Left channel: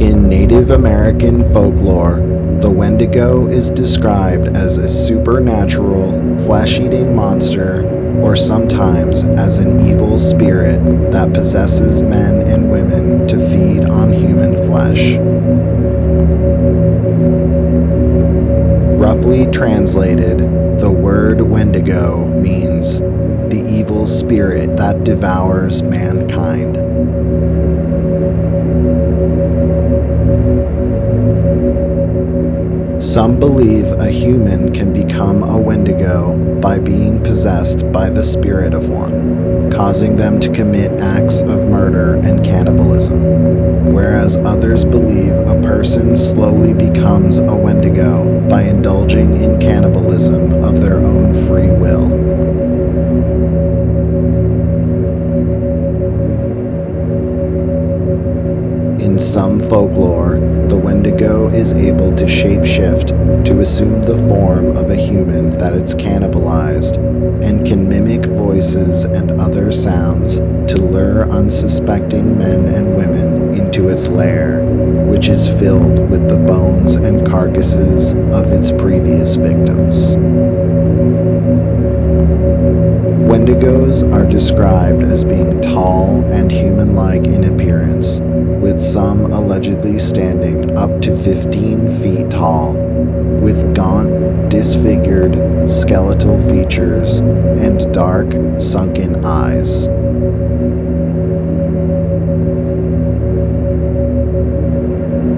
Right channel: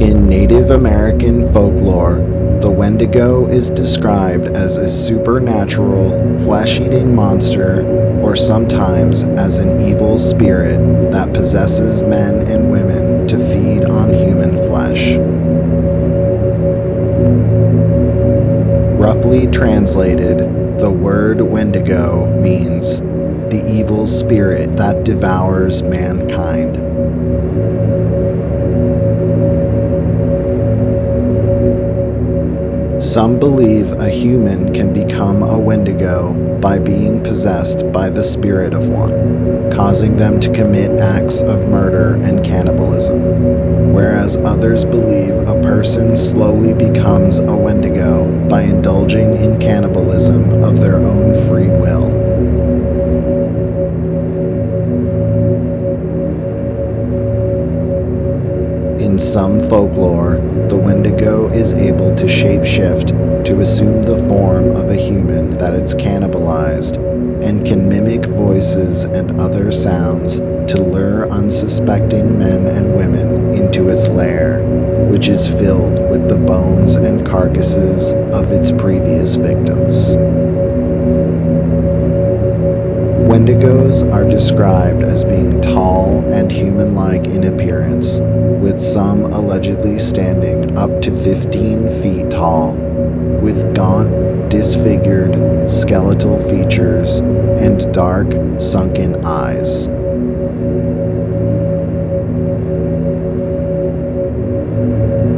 In Native American folklore, the Wendigo is described as a supernatural, flesh-eating monster, or sometimes as an evil spirit that possesses men and women to feed on human flesh. Roughly translated, the word Wendigo means the evil spirit that devours mankind. Some believe a human can become a Wendigo by being possessed by the spirit of one, causing them to commit acts of murder and cannibalism, whereas others believe a person slowly becomes a Wendigo by indulging in cannibalism of their own free will. In some folklore, the Wendigo is able to shapeshift to assume the form of a human that it's cannibalized and can mimic voices and other sounds to lure unsuspecting men and women into its lair, which is filled with the bones and carcasses of its previous victims. Wendigos are described as being tall and human-like in appearance, with some allegedly standing up to 15 feet tall, with gaunt, disfigured, skeletal features and dark, sunken eyes.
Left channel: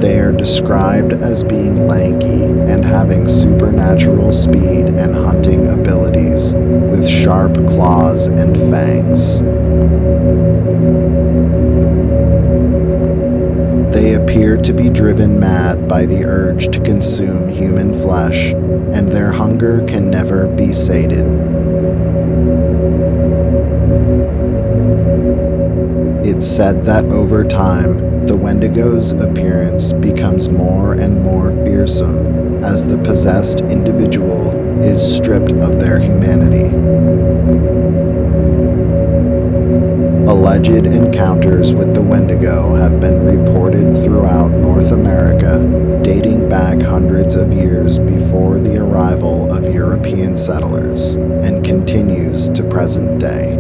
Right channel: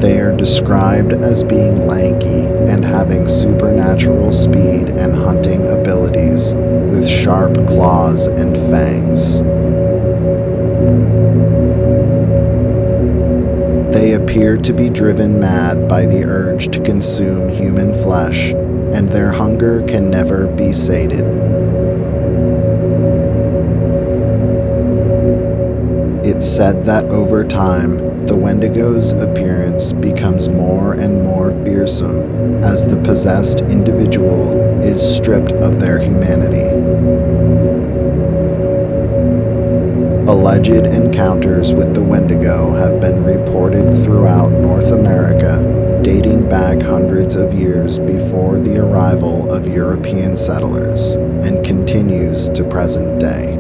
They are described as being lanky and having supernatural speed and hunting abilities, with sharp claws and fangs. They appear to be driven mad by the urge to consume human flesh, and their hunger can never be sated. It's said that over time, the Wendigo's appearance becomes more and more fearsome as the possessed individual is stripped of their humanity. Alleged encounters with the Wendigo have been reported throughout North America, dating back hundreds of years before the arrival of European settlers, and continues to present day.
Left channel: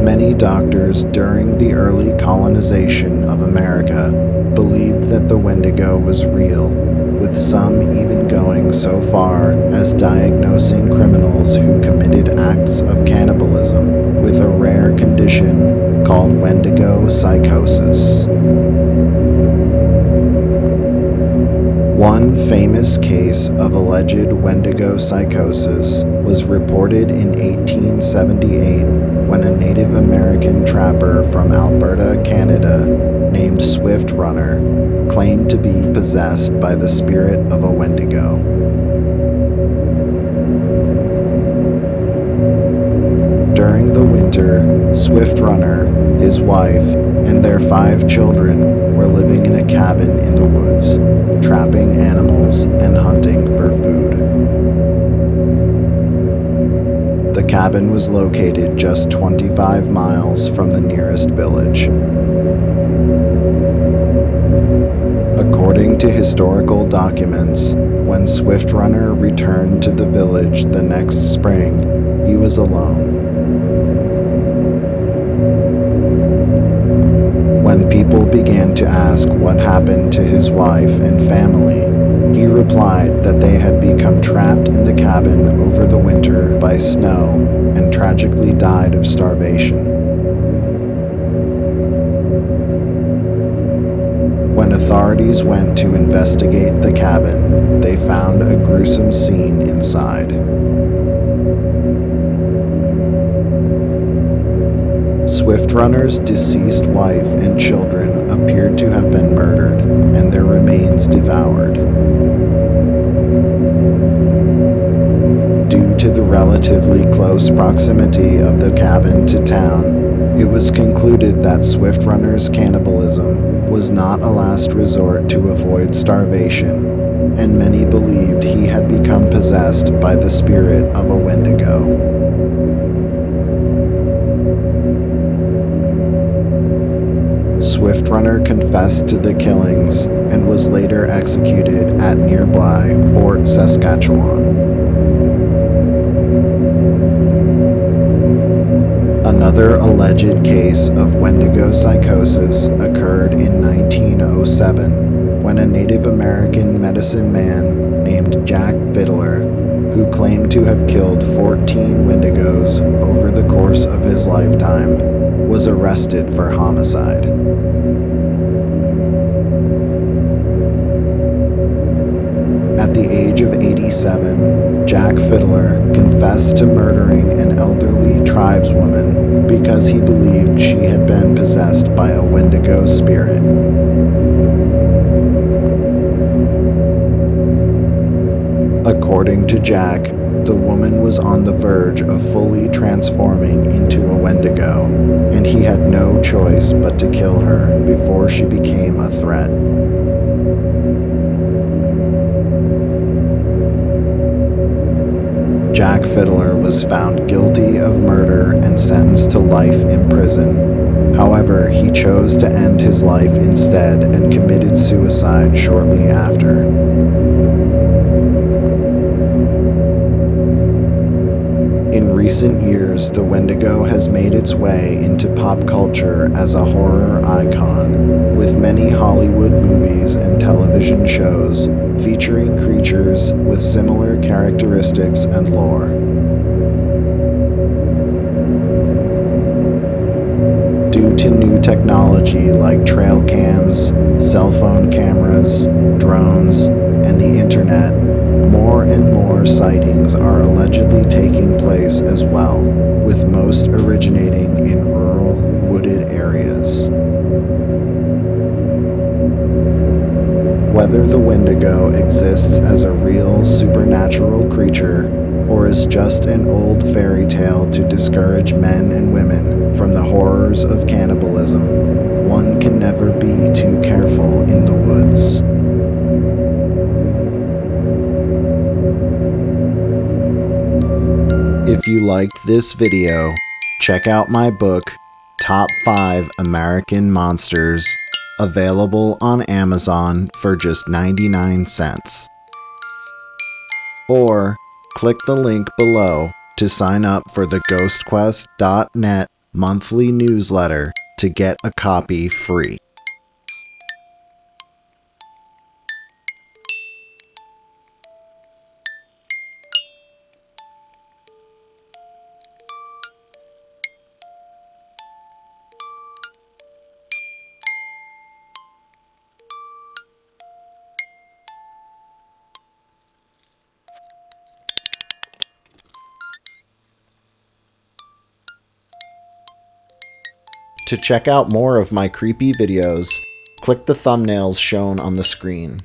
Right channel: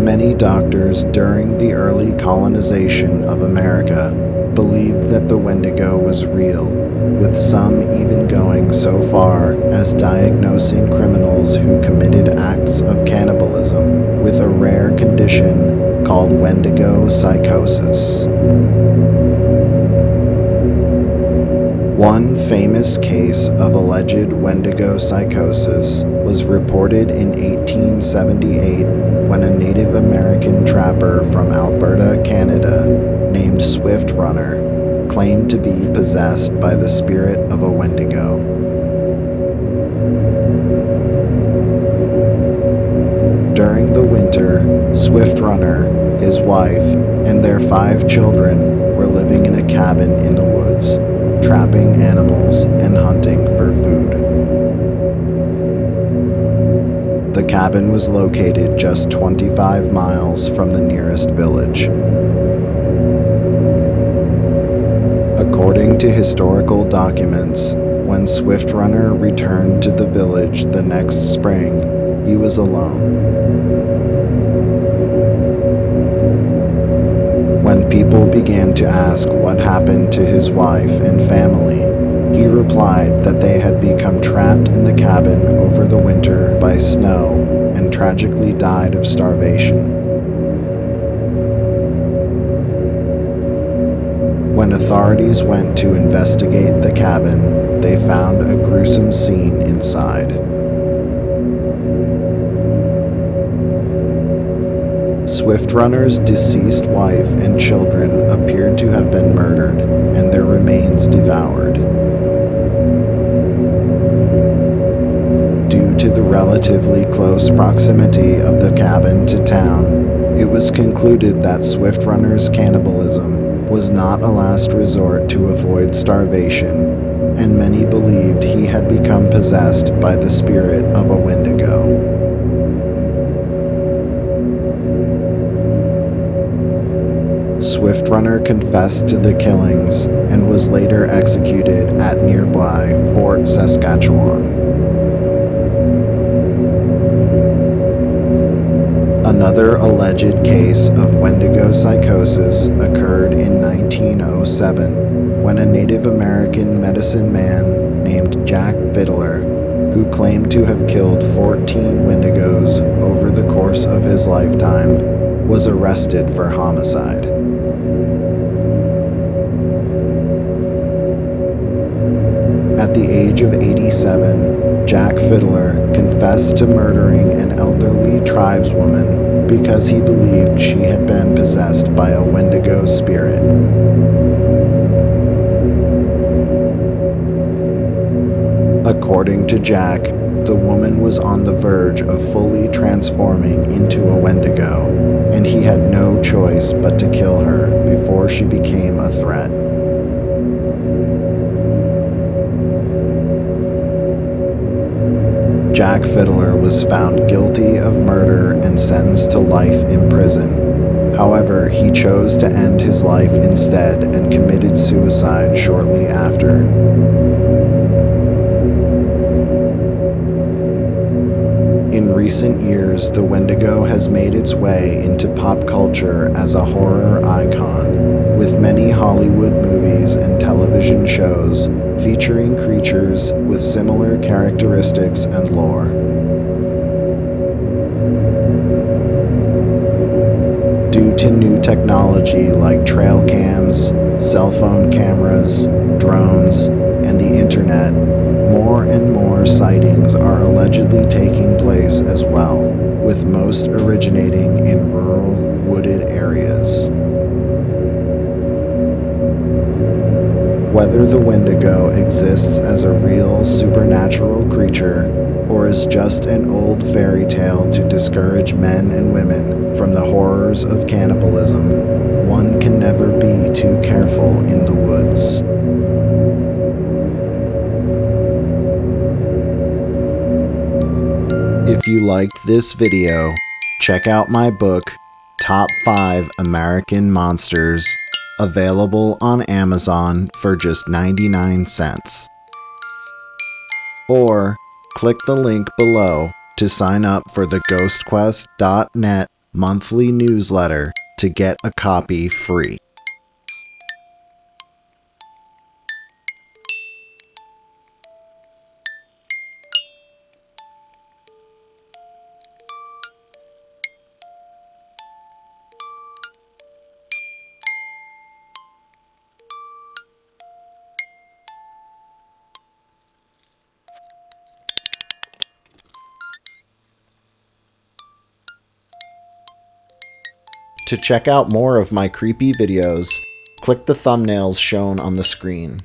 Many doctors during the early colonization of America believed that the Wendigo was real, with some even going so far as diagnosing criminals who committed acts of cannibalism with a rare condition called Wendigo psychosis. One famous case of alleged Wendigo psychosis was reported in 1878 when a Native American trapper from Alberta, Canada, named Swift Runner, claimed to be possessed by the spirit of a Wendigo. During the winter, Swift Runner, his wife, and their 5 children were living in a cabin in the woods, trapping animals and hunting for food. The cabin was located just 25 miles from the nearest village. According to historical documents, when Swift Runner returned to the village the next spring, he was alone. When people began to ask what happened to his wife and family, he replied that they had become trapped in the cabin over the winter by snow and tragically died of starvation. When authorities went to investigate the cabin, they found a gruesome scene inside. Swift Runner's deceased wife and children appeared to have been murdered, and their remains devoured. Due to the relatively close proximity of the cabin to town, it was concluded that Swift Runner's cannibalism was not a last resort to avoid starvation, and many believed he had become possessed by the spirit of a Wendigo. Swiftrunner confessed to the killings and was later executed at nearby Fort Saskatchewan. Another alleged case of Wendigo psychosis occurred in 1907 when a Native American medicine man named Jack Fiddler, who claimed to have killed 14 Wendigos over the course of his lifetime, was arrested for homicide. At the age of 87, Jack Fiddler confessed to murdering an elderly tribeswoman because he believed she had been possessed by a Wendigo spirit. According to Jack, the woman was on the verge of fully transforming into a Wendigo, and he had no choice but to kill her before she became a threat. Jack Fiddler was found guilty of murder and sentenced to life in prison. However, he chose to end his life instead and committed suicide shortly after. In recent years, the Wendigo has made its way into pop culture as a horror icon, with many Hollywood movies and television shows featuring creatures with similar characteristics and lore. Due to new technology like trail cams, cell phone cameras, drones, and the internet, more and more sightings are allegedly taking place as well, with most originating in rural, wooded areas. Whether the Wendigo exists as a real supernatural creature or is just an old fairy tale to discourage men and women from the horrors of cannibalism, one can never be too careful in the woods. If you liked this video, check out my book, Top 5 American Monsters, available on Amazon for just 99 cents. Or click the link below to sign up for the ghostquest.net monthly newsletter to get a copy free. To check out more of my creepy videos, click the thumbnails shown on the screen.